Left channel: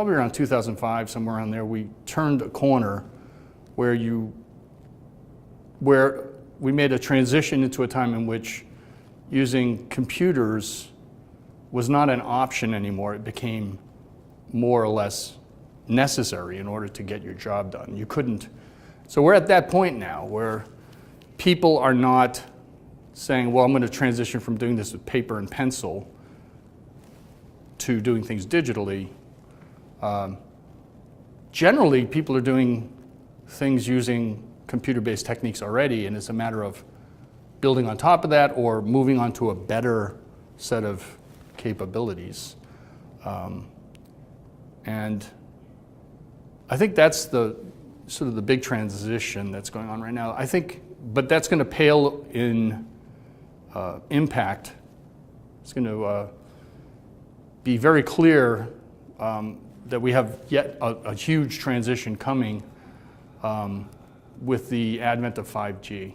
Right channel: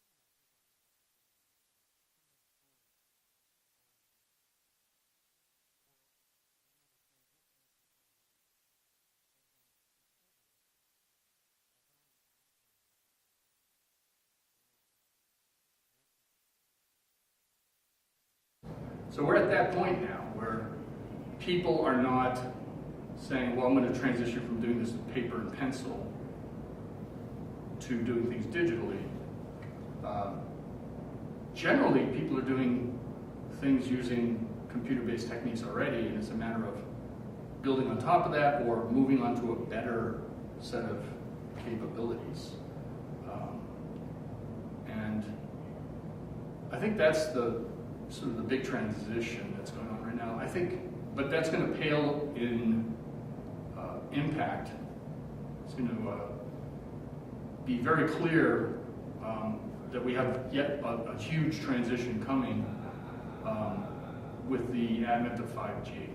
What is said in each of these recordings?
probably around 2005, somewhere around there, we turned a corner where we made a transition into a time in which using computers was not an option anymore. It became more or less necessary in order to get your job done. You couldn't. So we're at that point now where people are not saying, well, I'm going to transition from doing this with paper and pencil to doing things digitally. Generally, people are doing things using computer-based techniques already, and it's a matter of building on top of that or moving on to a better set of capabilities. And I think that's the sort of the big transition that's going on right now. I think, but that's going to pale in impact. It's going to be very clear that we have yet a huge transition coming with the advent of 5G.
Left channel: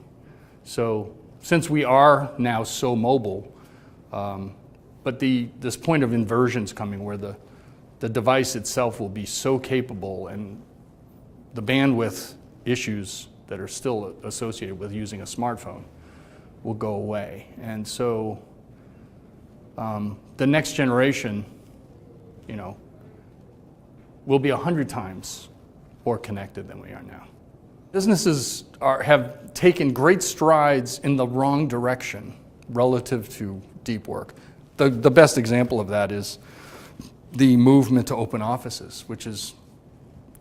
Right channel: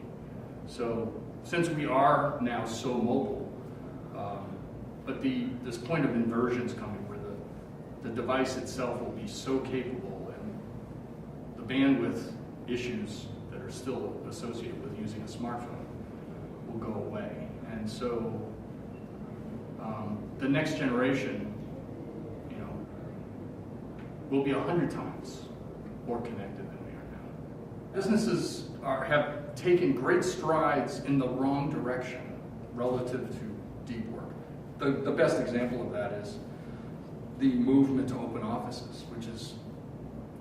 So since we are now so mobile, but this point of inversion is coming where the device itself will be so capable and the bandwidth issues that are still associated with using a smartphone will go away. And so the next generation, will be 100 times more connected than we are now. Businesses have taken great strides in the wrong direction relative to deep work. The best example of that is the movement to open offices, which is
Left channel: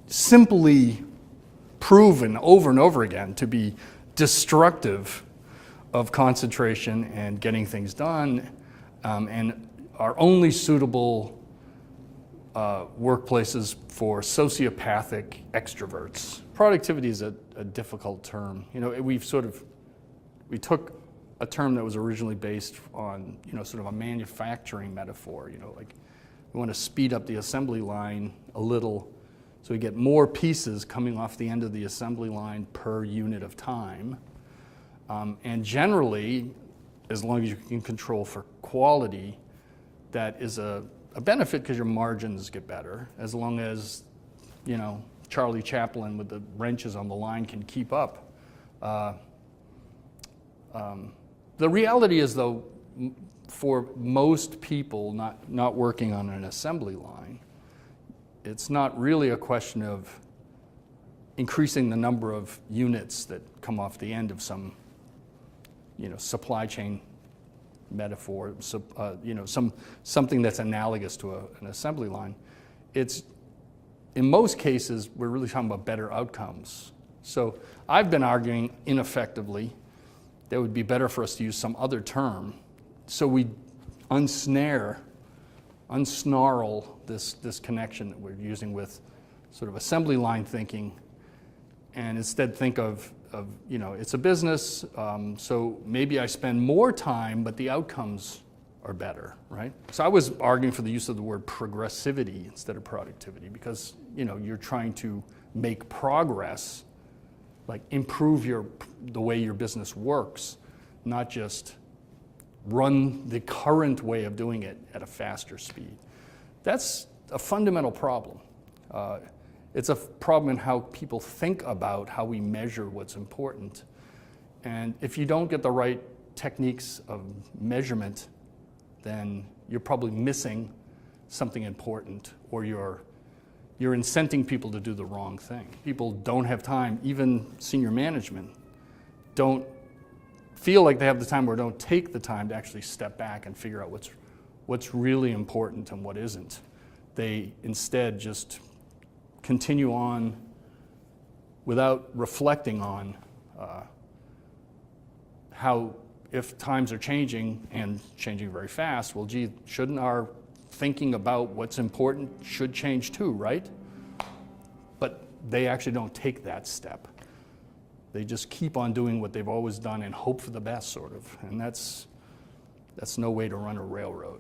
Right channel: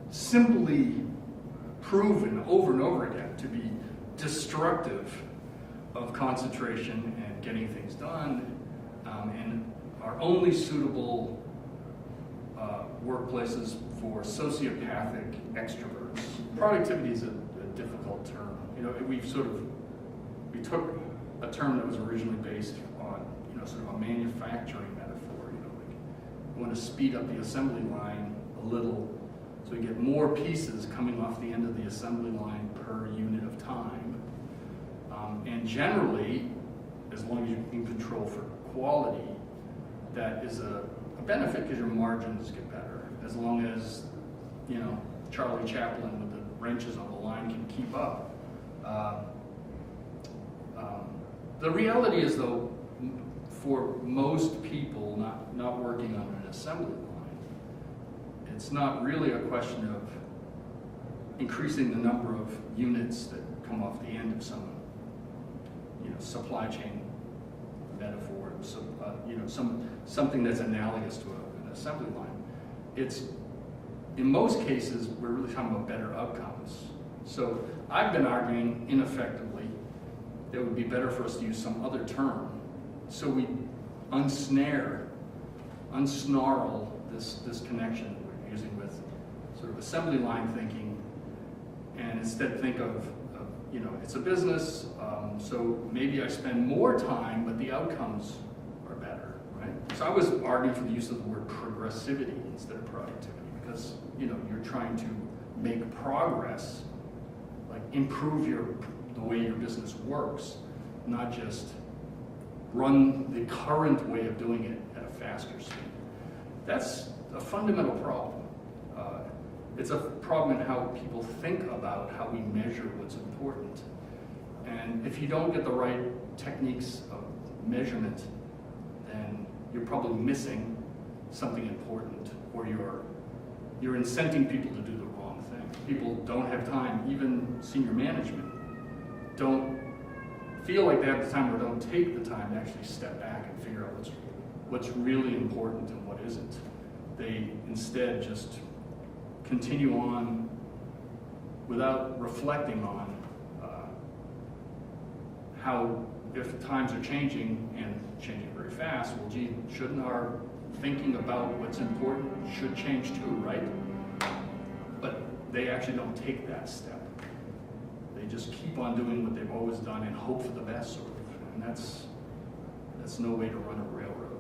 simply proven over and over again to be destructive of concentration and getting things done, and are only suitable workplaces for sociopathic extroverts. Productivity is a difficult term. We took a term that was originally based on, sort of a manufacturing metaphor. Like we want to speed up the assembly line a little so we get more pieces coming off the end of the assembly line per unit of time. And generally, as long as you can control for quality, that is a benefit because your margins get better. As long as, Charlie Chaplin with the wrenches on the line can keep up. The reality is, though, for most people not working on an assembly line, it's not really a question of increasing the number of units that come off the end of some, supply chain metaphor, so, something that's analogous to an assembly line. It's, in most cases, we're really talking about better outcomes. So I've been arguing ineffectively that it would be better for us to use some other term so we unsnarl this connection that we're using with sort of assembly line thinking, and instead think of it's a business, so maybe I spend more time, but the outcomes are better, right? So I was arguing for the use of the word progressivity instead of productivity because, you're trying to make progress, like improve the way your business works, not just run the current way of doing it at a faster speed. That's a fundamental problem. It's a problem in how people think about how we measure what's important. And if you don't get the right techniques of measurement, then you're probably missing something important, or you're incenting people to do the wrong thing. People don't have time, even senior management, don't feel like they have the time or don't take the time to actually step back and figure out what's really important and what isn't. They instead just continue on without reflecting on how, if times are changing and changing very fast, well, gee, shouldn't our thinking about what's important should change too, right? But they actually don't take that step. They just keep on doing what they've always done and hope for the best, sort of. And that's no way to run a railroad.